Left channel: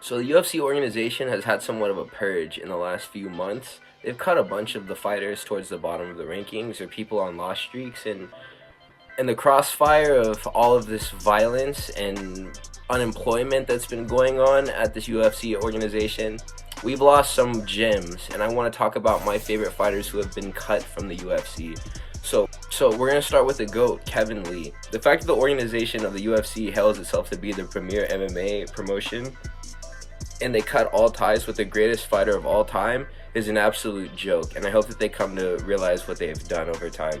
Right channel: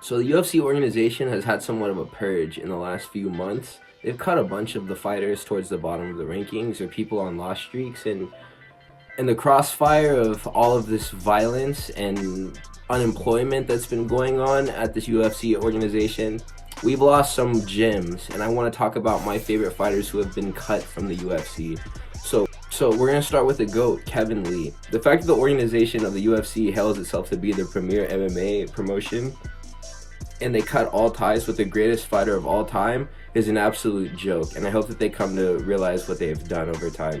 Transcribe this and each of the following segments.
So the UFC organization has had somewhat of a purge in the last few months. They've cut a bunch of the fighters towards the bottom of the rankings or people on loss streaks, and in the crossfire of all of this violence and unemployment that's been going on at this UFC organization, we've lost some gems, and I want to talk about my favorite fighters who have been cut from the UFC. So we're going to start with the GOAT, Kevin Lee. The fact that the organization of the UFC hails itself to be the premier MMA promotion, and they cut all ties with the greatest fighter of all time, is an absolute joke, and I hope that they come to realize what they have done over time.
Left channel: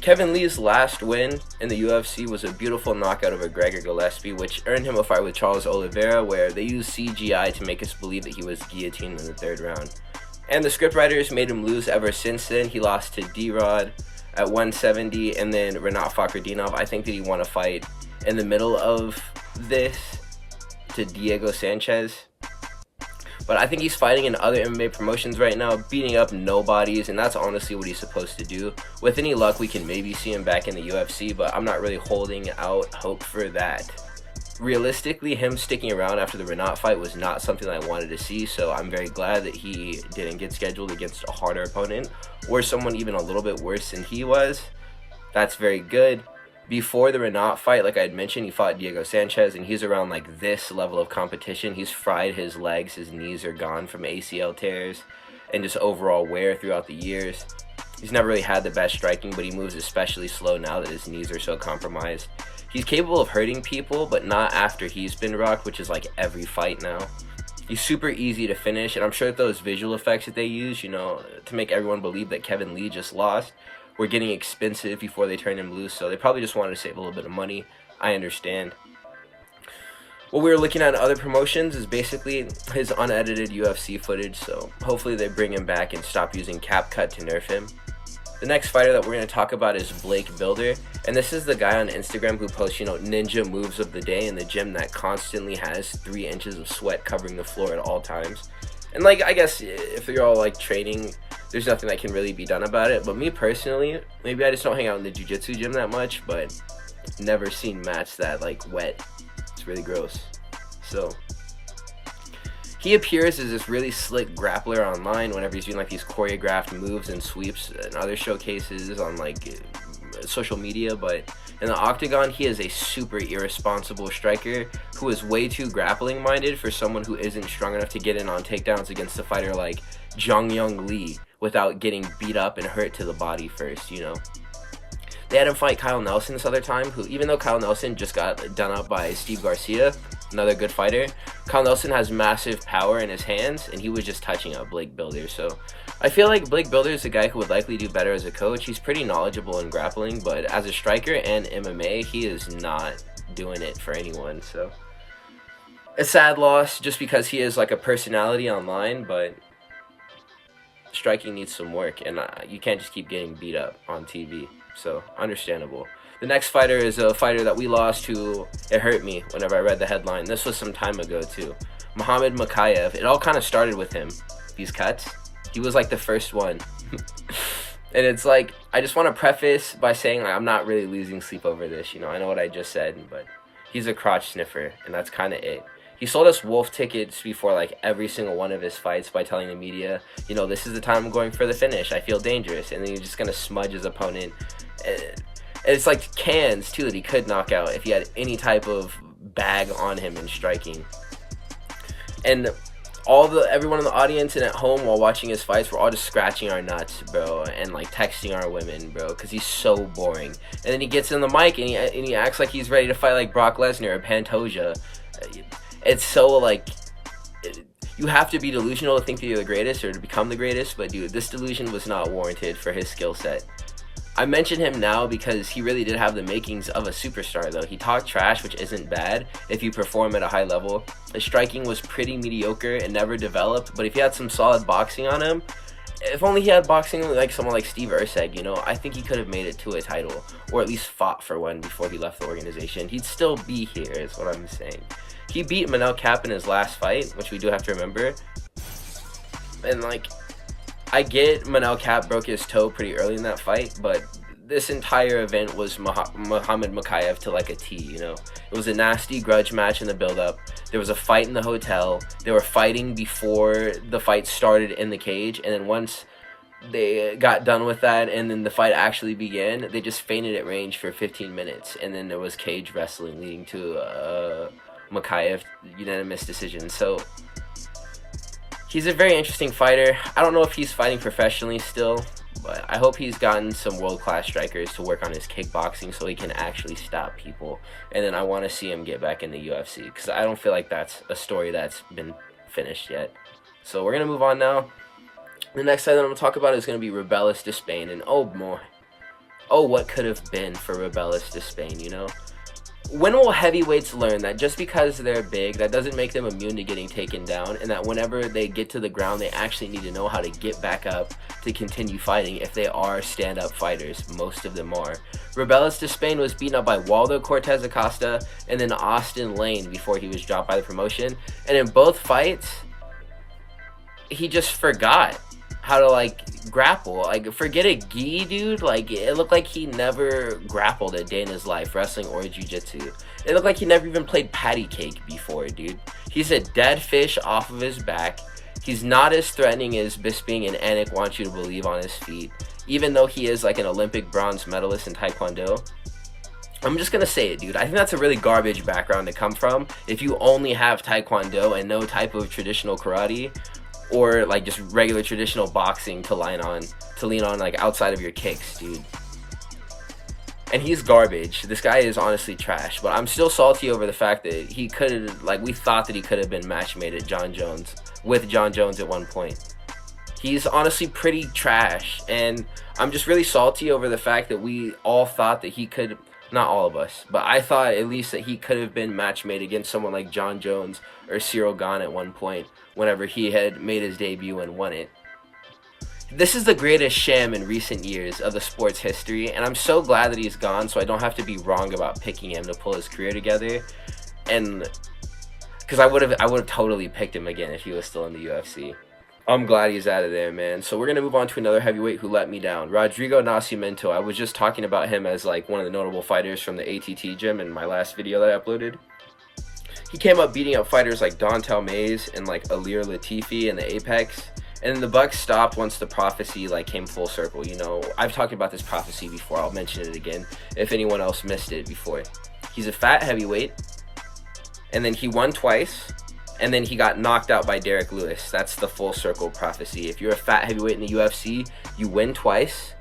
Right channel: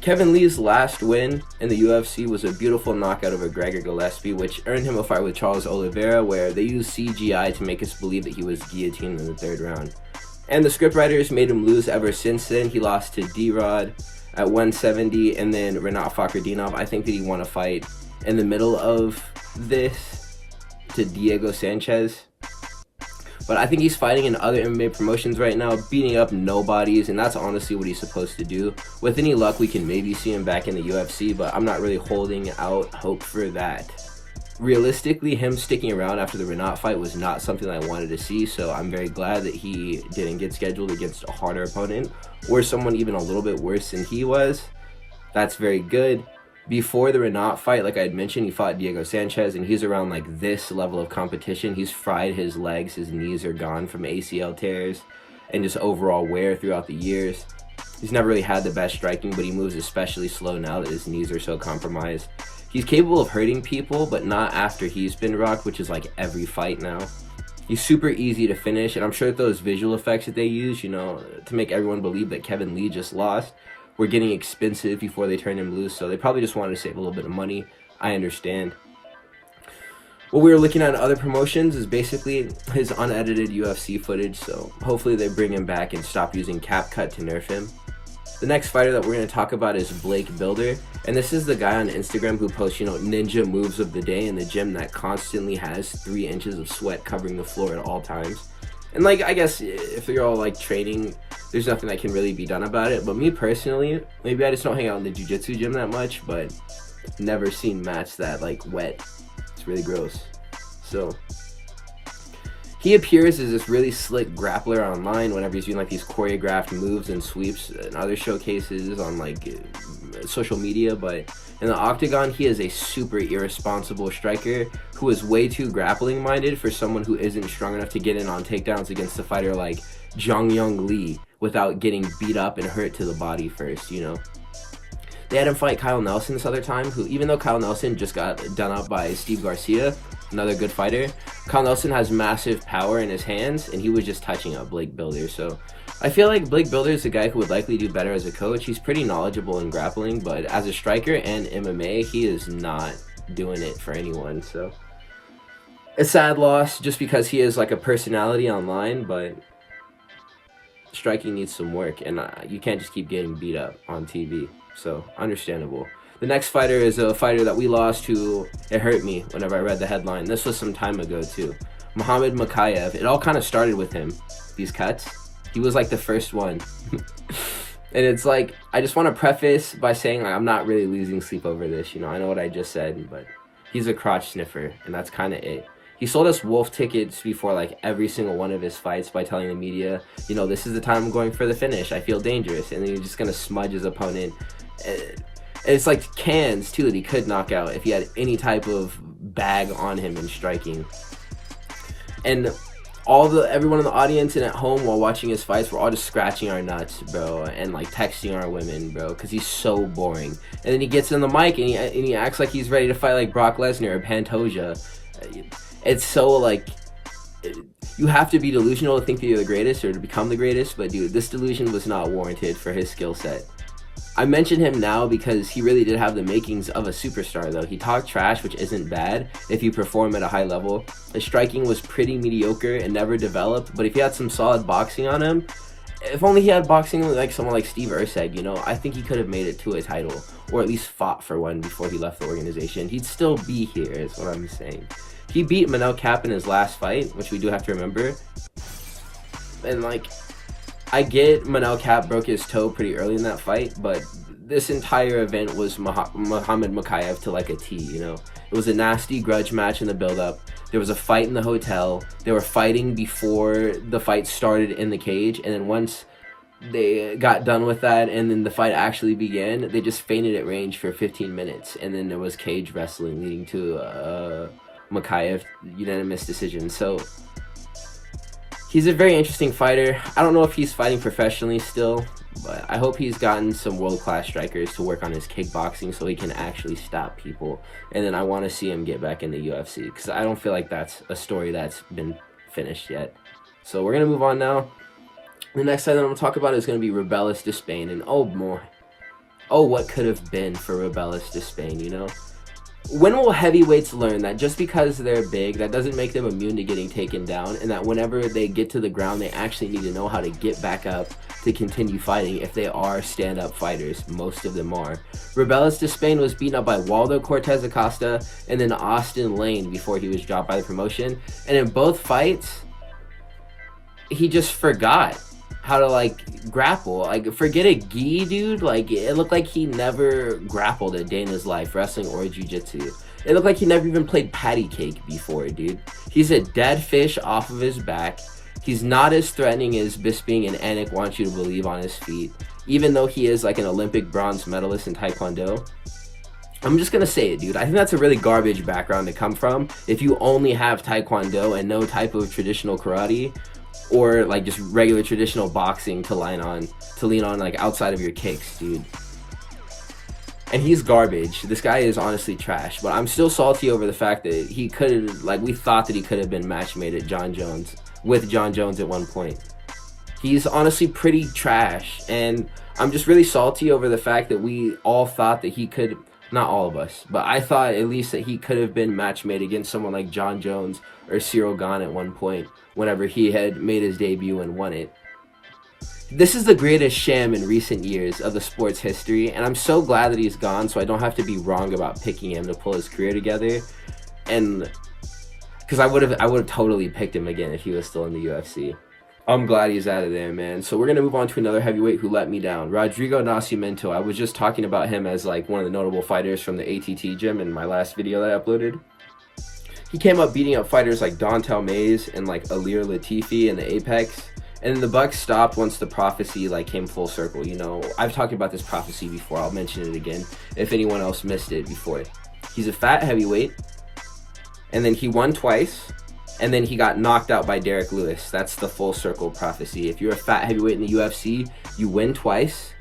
Kevin Lee's last win in the UFC was a beautiful knockout over Gregor Gillespie, which earned him a fight with Charles Oliveira, where they used CGI to make us believe that he was guillotined in the third round. And the scriptwriters made him lose ever since then. He lost to D-Rod at 170, and then Renat Fakhretdinov. I think that he won a fight in the middle of this to Diego Sanchez. But I think he's fighting in other MMA promotions right now, beating up nobodies, and that's honestly what he's supposed to do. With any luck, we can maybe see him back in the UFC, but I'm not really holding out hope for that. Realistically, him sticking around after the Renat fight was not something that I wanted to see, so I'm very glad that he didn't get scheduled against a harder opponent, or someone even a little bit worse than he was. That's very good. Before the Renat fight, like I had mentioned, he fought Diego Sanchez, and he's around like this level of competition. He's fried his legs, his knees are gone from ACL tears and just overall wear throughout the years. He's never really had the best striking, but he moves especially slow now that his knees are so compromised. He's capable of hurting people, but not after he's been rocked, which is like every fight now. He's super easy to finish, and I'm sure that those visual effects that they use, to make everyone believe that Kevin Lee just lost, were getting expensive before they turned him loose, so they probably just wanted to save a little bit of money. I understand. What we were looking at in other promotions is basically his unedited UFC footage, so hopefully they bring him back and stop using CapCut to nerf him. The next fighter that we're going to talk about is Blake Bilder, and this is the guy on Instagram who posts, ninja moves of the day in the gym that constantly has 3 inches of sweat covering the floor at all times. And I guess if you're all training, there's nothing that can really be done about it. But me personally, maybe I just don't hang out in the jiu-jitsu gym that much, but never seen mats that wet. It's really gross. So he appears as this really slick grappler online whenever he's doing these choreographed moves and sweeps and other showcases on social media, but in the octagon, he is a super irresponsible striker who is way too grappling minded for someone who isn't strong enough to get in on takedowns against a fighter like Zhang Young Lee without getting beat up and hurt to the body first, They had him fight Kyle Nelson this other time, who, even though Kyle Nelson just got done up by Steve Garcia, another good fighter, Kyle Nelson has massive power in his hands, and he was just touching up Blake Bilder. So I feel like Blake Bilder is a guy who would likely do better as a coach. He's pretty knowledgeable in grappling, but as a striker and MMA, he is not doing it for anyone. So a sad loss just because he is a personality online, but striking needs some work, and you can't just keep getting beat up on TV. So understandable. The next fighter is a fighter that we lost who it hurt me whenever I read the headline. This was some time ago too. Mohammed Mokaev. It all kind of started with him. These cuts. He was the first one. And it's I just want to preface by saying I'm not really losing sleep over this. I know what I just said, but he's a crotch sniffer, and that's kind of it. He sold us wolf tickets before every single one of his fights by telling the media, this is the time I'm going for the finish. I feel dangerous. And then he's just going to smudge his opponent. And it's cans, too, that he could knock out if he had any type of bag on him in striking. And everyone in the audience and at home while watching his fights, we're all just scratching our nuts, bro, and texting our women, bro, because he's so boring. And then he gets in the mic and he acts like he's ready to fight Brock Lesnar or Pantoja. It's so you have to be delusional to think that you're the greatest or to become the greatest, but dude, this delusion was not warranted for his skill set. I mention him now because he really did have the makings of a superstar, though. He talked trash, which isn't bad if you perform at a high level. His striking was pretty mediocre and never developed, but if he had some solid boxing on him, if only he had boxing someone like Steve Erceg, I think he could have made it to a title, or at least fought for one before he left the organization. He'd still be here, is what I'm saying. He beat Manel Kape in his last fight, which we do have to remember. And I get Manel Kape broke his toe pretty early in that fight, but this entire event was Mohammed Mokaev to a T, It was a nasty grudge match in the build-up. There was a fight in the hotel. They were fighting before the fight started in the cage, and then once they got done with that and then the fight actually began, they just fainted at range for 15 minutes, and then there was cage wrestling leading to a Mokaev unanimous decision. So he's a very interesting fighter. I don't know if he's fighting professionally still, but I hope he's gotten some world-class strikers to work on his kickboxing so he can actually stop people. And then I want to see him get back in the UFC, because I don't feel like that's a story that's been finished yet. So we're going to move on now. The next fight that I'm going to talk about is going to be Robelis Despaigne. And oh boy, oh what could have been for Robelis Despaigne, you know? When will heavyweights learn that just because they're big, that doesn't make them immune to getting taken down, and that whenever they get to the ground, they actually need to know how to get back up to continue fighting if they are stand-up fighters? Most of them are. Robelis Despaigne was beaten up by Waldo Cortez Acosta and then Austin Lane before he was dropped by the promotion. And in both fights, he just forgot how to, like, grapple. Like, forget a gi, dude. Like, it looked like he never grappled a day in his life, wrestling or jiu-jitsu. It looked like he never even played patty cake before, dude. He's a dead fish off of his back. He's not as threatening as Bisping and Anik want you to believe on his feet, even though he is like an Olympic bronze medalist in Taekwondo. I'm just gonna say it, dude. I think that's a really garbage background to come from if you only have Taekwondo and no type of traditional karate, or like just regular traditional boxing to lean on like outside of your kicks, dude. And he's garbage. This guy is honestly trash, but I'm still salty over the fact that he could, like, we thought that he could have been match made at with John Jones at one point. He's honestly pretty trash, and I'm just really salty over the fact that we all thought that he could, not all of us, but I thought at least that he could have been match made against someone like John Jones or Cyril Gane at one point whenever he had made his debut and won it. This is the greatest sham in recent years of the sport's history, and I'm so glad that he's gone so I don't have to be wrong about picking him to pull his career together. And because I would have totally picked him again if he was still in the UFC. I'm glad he's out of there, man. So we're going to move on to another heavyweight who let me down. Rodrigo Nascimento. I was just talking about him as like one of the notable fighters from the ATT gym in my last video that I uploaded. He came up beating up fighters like Dontel Mays and like Alir Latifi in the Apex. And then the buck stopped once the prophecy like came full circle. You know, I've talked about this prophecy before. I'll mention it again if anyone else missed it before. He's a fat heavyweight, and then he won twice, and then he got knocked out by Derek Lewis. That's the full circle prophecy. If you're a fat heavyweight in the UFC, you win twice,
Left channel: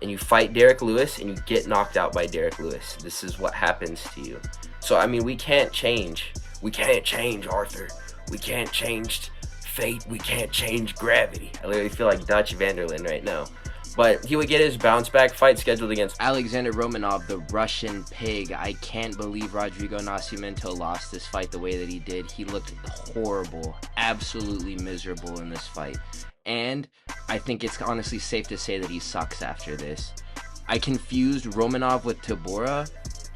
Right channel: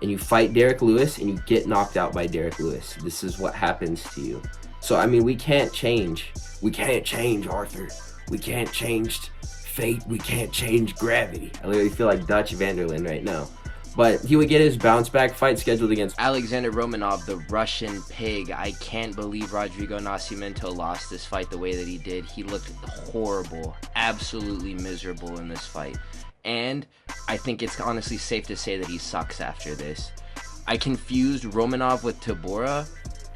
and you fight Derek Lewis, and you get knocked out by Derek Lewis. This is what happens to you. So, I mean, we can't change. We can't change, Arthur. We can't change fate. We can't change gravity. I literally feel like Dutch Vanderlyn right now. But he would get his bounce back fight scheduled against Alexander Romanov, the Russian pig. I can't believe Rodrigo Nascimento lost this fight the way that he did. He looked horrible, absolutely miserable in this fight. And I think it's honestly safe to say that he sucks after this. I confused Romanov with Tabora,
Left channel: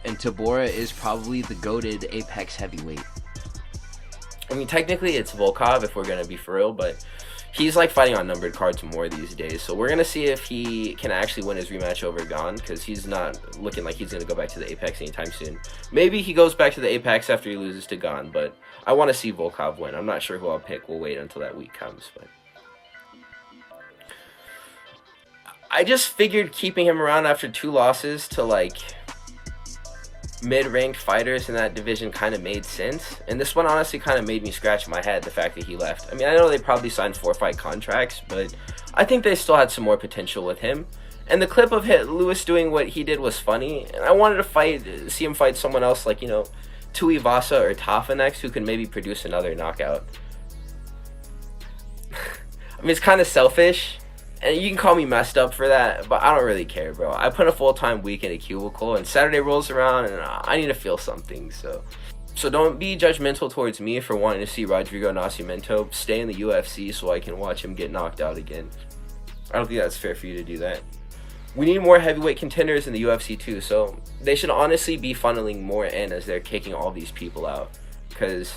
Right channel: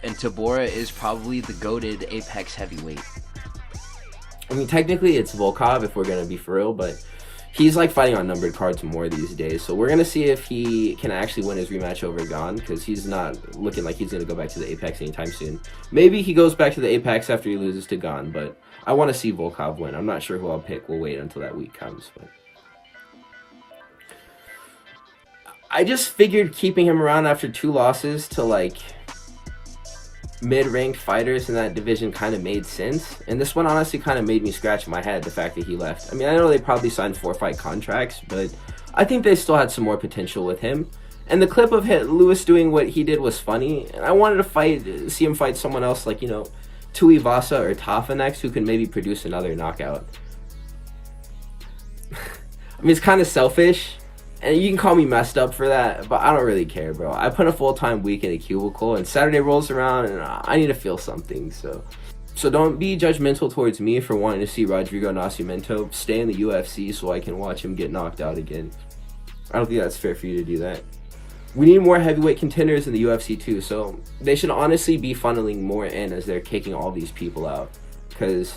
and Tabora is probably the goated Apex heavyweight. I mean, technically it's Volkov if we're going to be for real, but he's like fighting on numbered cards more these days. So we're going to see if he can actually win his rematch over Gane, because he's not looking like he's going to go back to the Apex anytime soon. Maybe he goes back to the Apex after he loses to Gane, but I want to see Volkov win. I'm not sure who I'll pick. We'll wait until that week comes. But I just figured keeping him around after 2 losses to like mid-ranked fighters in that division kind of made sense, and this one honestly kind of made me scratch my head, the fact that he left. I mean, I know they probably signed 4-fight contracts, but I think they still had some more potential with him. And the clip of Lewis doing what he did was funny, and I wanted to see him fight someone else like, you know, Tuivasa or Tafa next, who can maybe produce another knockout. I mean, it's kind of selfish, and you can call me messed up for that, but I don't really care, bro. I put a full-time week in a cubicle, and Saturday rolls around, and I need to feel something, so don't be judgmental towards me for wanting to see Rodrigo Nascimento stay in the UFC so I can watch him get knocked out again. I don't think that's fair for you to do that. We need more heavyweight contenders in the UFC too, so they should honestly be funneling more in as they're kicking all these people out, because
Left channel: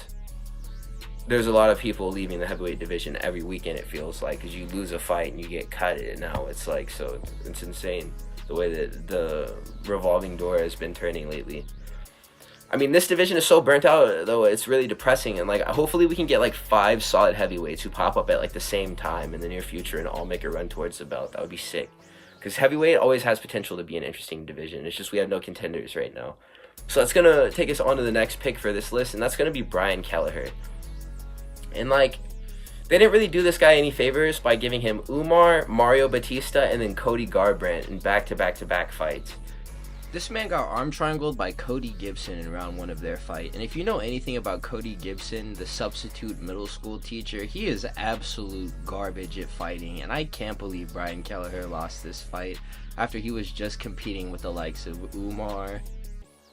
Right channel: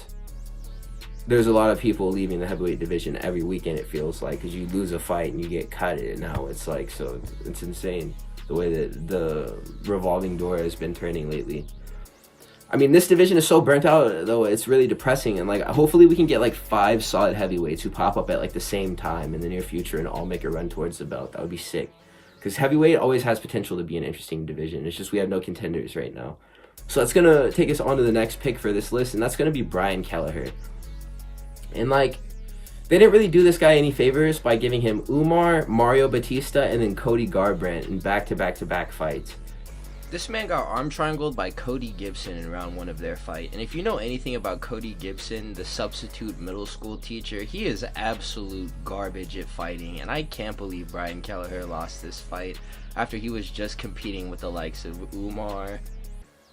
there's a lot of people leaving the heavyweight division every weekend, it feels like, because you lose a fight and you get cut, and now it's like, so it's insane the way that the revolving door has been turning lately. I mean, this division is so burnt out, though, it's really depressing. And, like, hopefully we can get, like, 5 solid heavyweights who pop up at, like, the same time in the near future and all make a run towards the belt. That would be sick. Because heavyweight always has potential to be an interesting division. It's just we have no contenders right now. So that's going to take us on to the next pick for this list, and that's going to be Brian Kelleher. And, like, they didn't really do this guy any favors by giving him Umar, Mario Batista, and then Cody Garbrandt in back-to-back-to-back fights. This man got arm triangled by Cody Gibson in round 1 of their fight. And if you know anything about Cody Gibson, the substitute middle school teacher, he is absolute garbage at fighting. And I can't believe Brian Kelleher lost this fight after he was just competing with the likes of Umar,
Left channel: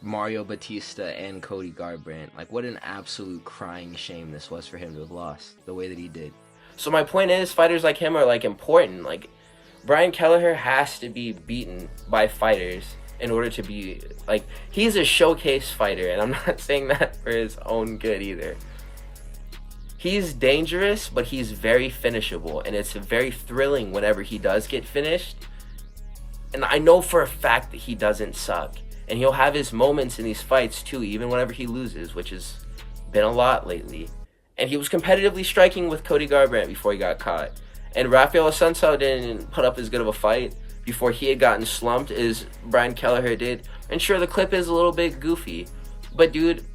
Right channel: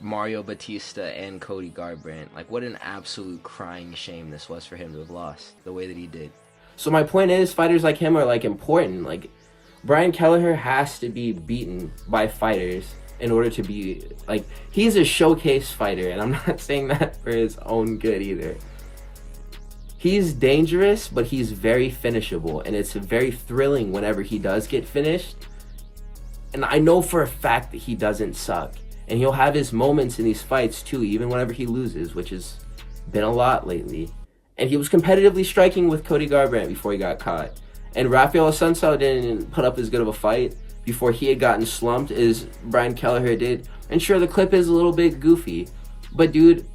Mario Batista, and Cody Garbrandt. Like, what an absolute crying shame this was for him to have lost the way that he did. So my point is, fighters like him are, like, important. Like, Brian Kelleher has to be beaten by fighters in order to be, like, he's a showcase fighter, and I'm not saying that for his own good either. He's dangerous, but he's very finishable, and it's very thrilling whenever he does get finished. And I know for a fact that he doesn't suck, and he'll have his moments in these fights too, even whenever he loses, which has been a lot lately. And he was competitively striking with Cody Garbrandt before he got caught. And Rafael Assunção didn't put up as good of a fight before he had gotten slumped as Brian Kelleher did. And sure, the clip is a little bit goofy, but dude,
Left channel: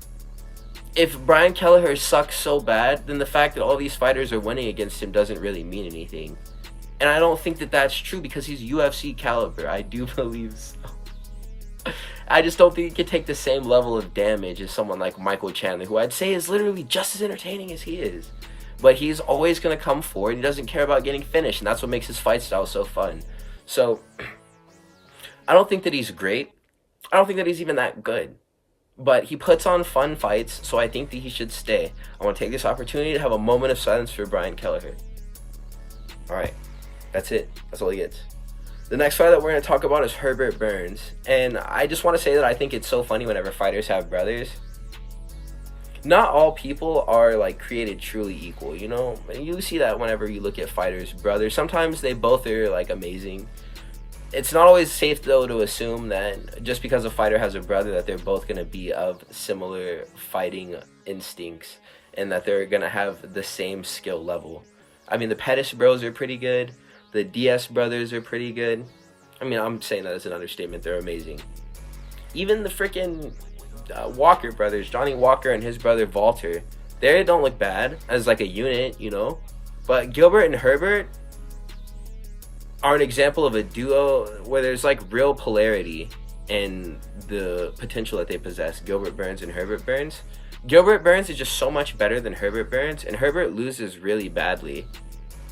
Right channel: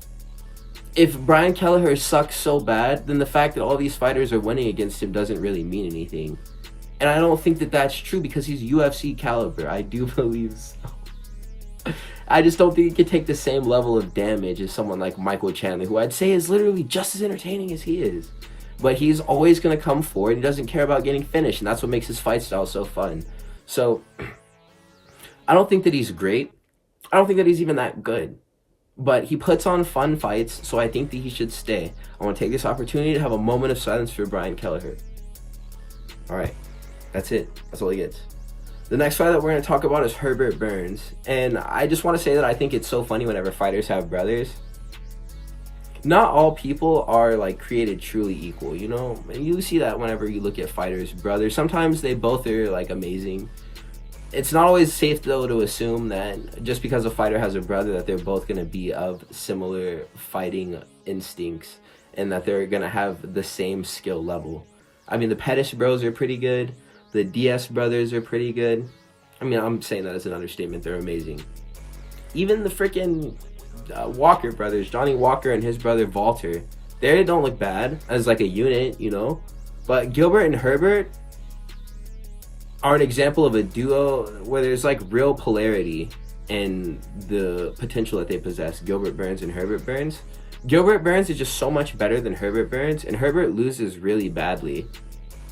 if Brian Kelleher sucks so bad, then the fact that all these fighters are winning against him doesn't really mean anything. And I don't think that that's true because he's UFC caliber. I do believe so. I just don't think he can take the same level of damage as someone like Michael Chandler, who I'd say is literally just as entertaining as he is. But he's always going to come forward. He doesn't care about getting finished, and that's what makes his fight style so fun. So, I don't think that he's great. I don't think that he's even that good. But he puts on fun fights, so I think that he should stay. I want to take this opportunity to have a moment of silence for Brian Kelleher. Alright, that's it. That's all he gets. The next fight that we're going to talk about is Herbert Burns. And I just want to say that I think it's so funny whenever fighters have brothers. Not all people are, like, created truly equal, you know? And you see that whenever you look at fighters' brothers. Sometimes they both are, like, amazing. It's not always safe, though, to assume that just because a fighter has a brother that they're both going to be of similar fighting instincts and that they're going to have the same skill level. I mean, the Pettis bros are pretty good. The DS brothers are pretty good. I mean, I'm saying that as an understatement. They're amazing. Even the freaking Walker brothers, Johnny Walker and his brother Walter, they don't look bad as, like, a unit, you know? But Gilbert and Herbert are an example of a duo where there's, like, real polarity in the potential that they possess. Gilbert Burns and Herbert Burns. Gilbert Burns is just so much better than Herbert Burns, and Herbert loses really badly.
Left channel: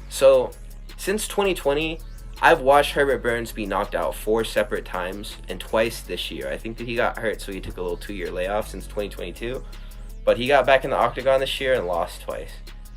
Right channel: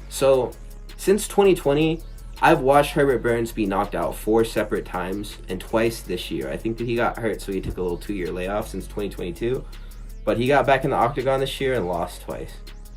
So, since 2020, I've watched Herbert Burns be knocked out 4 separate times, and twice this year. I think that he got hurt, so he took a little 2-year layoff since 2022. But he got back in the octagon this year and lost twice.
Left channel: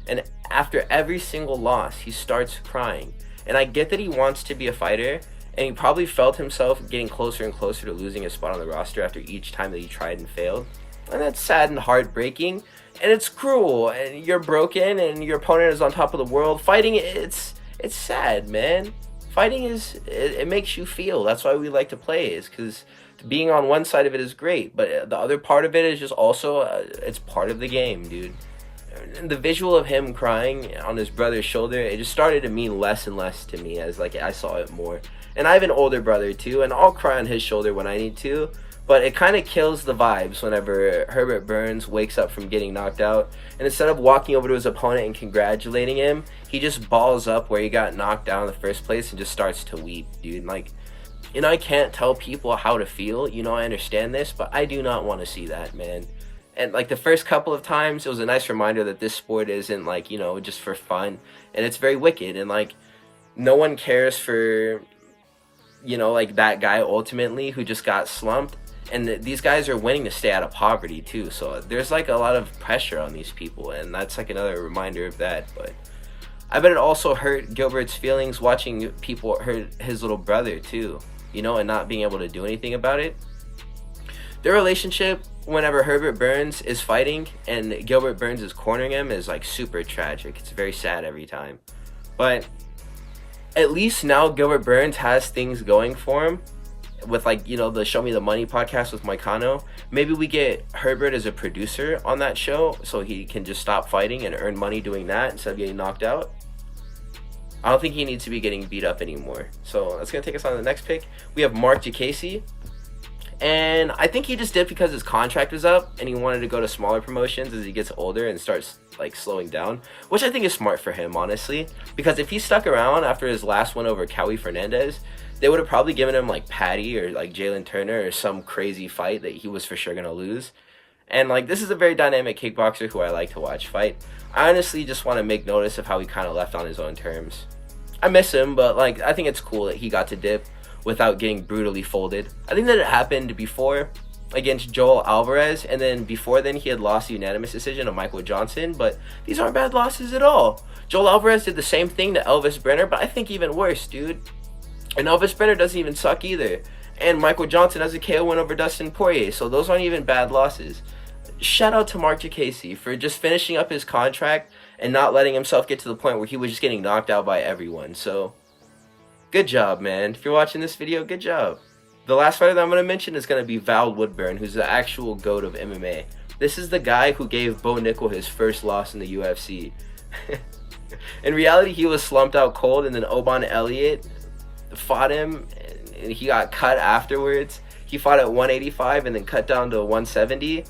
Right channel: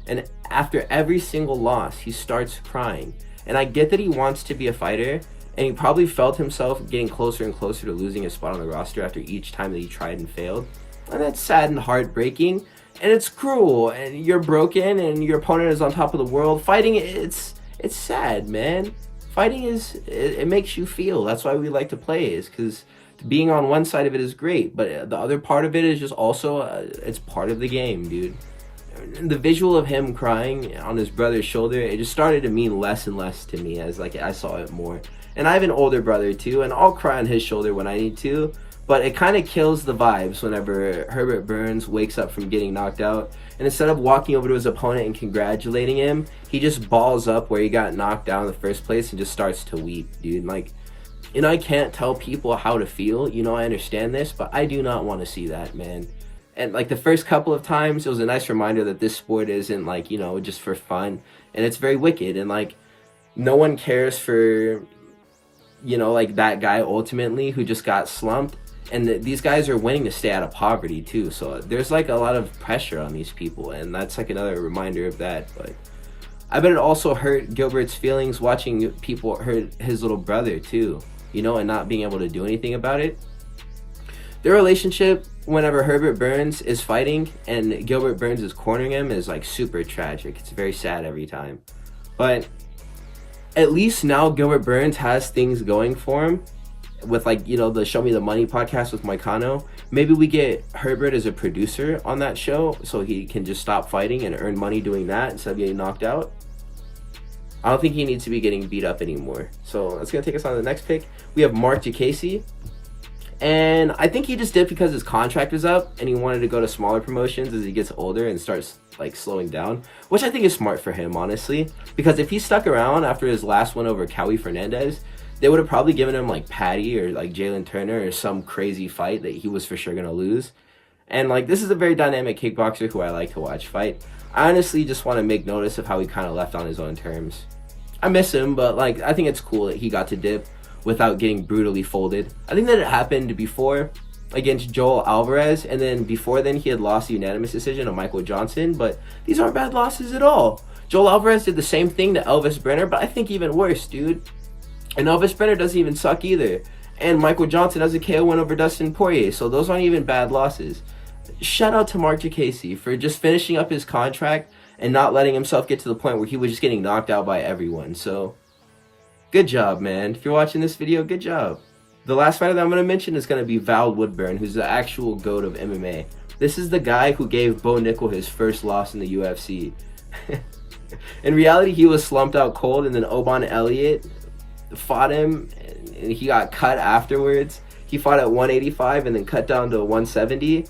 And after every single loss, he starts crying. And I get that he wants to be a fighter, and he probably felt himself getting closer and closer to losing his spot on the roster after each time that he tried and failed. And that's sad and heartbreaking, and it's cruel, and you're broken, and your opponent is on top of the world. Fighting, it's sad, man. Fighting it makes you feel. That's why we like to play, is because being on one side of it is great, but the other part of it is just also, it's part of the game, dude. And the visual of him crying on his brother's shoulder, it just started to mean less and less to me as, like, I saw it more. And I have an older brother too, and I'll cry on his shoulder when I need to, but it kind of kills the vibes whenever Herbert Burns wakes up from getting knocked out, and instead of walking over to his opponent and congratulating him, he just balls up where he got knocked down in the first place and just starts to weep, dude. Like, you know, I can't tell people how to feel, you know, I understand this, but I do not want to see that, man. And, like, the first couple of times, it was a nice reminder that this sport isn't, like, you know, just for fun, and it's very wicked, and, like, no one cares for, you know, like, that guy ultimately who just got slumped. And these guys are winning to stay out of poverty too, so there's, like, a lot of pressure on these people, and that's, like, another reminder of that. But I bet it also hurt Gilbert's feelings watching people hurt his little brother too, you know, and not being able to do anything about it. Their relationship, whenever Herbert Burns is fighting and Gilbert Burns is cornering him, is, like, super tragic. It's very sad every time. But at least now Gilbert Burns has things going for him. with like, you know, the Show Me the Money podcast with Moicano. Maybe we get Herbert as a producer on that show so he can just stop fighting and earn money doing that instead of getting knocked out. I don't think he needs to be getting beat up anymore. So that's going to take us on to the next pick. We have Marc Diakese. And I think he just did because his contract was up and he wanted to go to smaller promotions as he gets older and starts like slowing down, which I think is smart for him, honestly, because if he stuck around after his last one over Cowie Fernandez, they would have probably given him like Patty or like Jalen Turner or some crazy fight that he was for sure going to lose. And like, this is a very dynamic kickboxer who I like to watch fight. I honestly just want to make notice of how he kind of left on his own terms. I miss him, but like, I think it's cool that he got to dip without getting brutally folded. I think that it happened before against Joel Alvarez, and then before then he had lost the unanimous decision to Michael Johnson, but these aren't bad losses at all. Joel Alvarez did the same thing to Elvis Brenner, but I think even worse, dude. And Elvis Brenner doesn't even suck either. And Michael Johnson has a KO win over Dustin Poirier, so those aren't even bad losses. Shout out to Marc Diakese for just finishing up his contract and not letting himself get to the point where he was just getting knocked out by everyone. So good job, man. If you're watching this video, good job. The last fighter that I'm going to mention is going to be Val Woodburn, who's the actual GOAT of MMA. This is the guy who gave Bo Nickel his first loss in the UFC. In reality, he was slumped out cold, and then Oban Elliott fought him, and he got cut afterwards. He fought at 185 and then cut down to 170.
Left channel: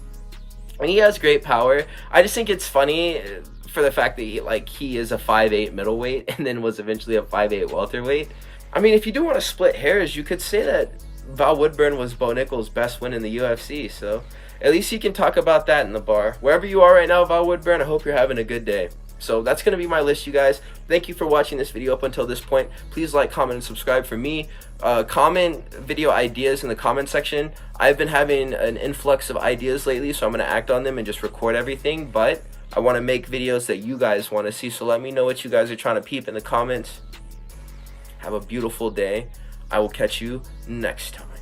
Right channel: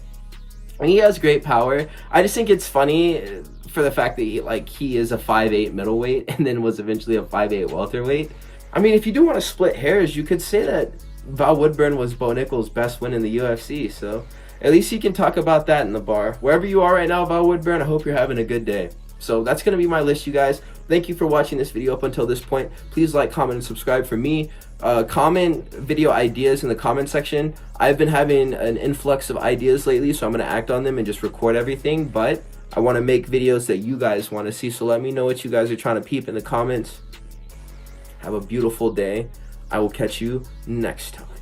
And he has great power. I just think it's funny for the fact that he is a 5'8" middleweight and then was eventually a 5'8" welterweight. I mean, if you do want to split hairs, you could say that Val Woodburn was Bo Nickel's best win in the UFC, so at least you can talk about that in the bar. Wherever you are right now, Val Woodburn, I hope you're having a good day. So that's going to be my list, you guys. Thank you for watching this video up until this point. Please like, comment, and subscribe for me. Comment video ideas in the comment section. I've been having an influx of ideas lately, so I'm going to act on them and just record everything, but I want to make videos that you guys want to see, so let me know what you guys are trying to peep in the comments. Have a beautiful day. I will catch you next time.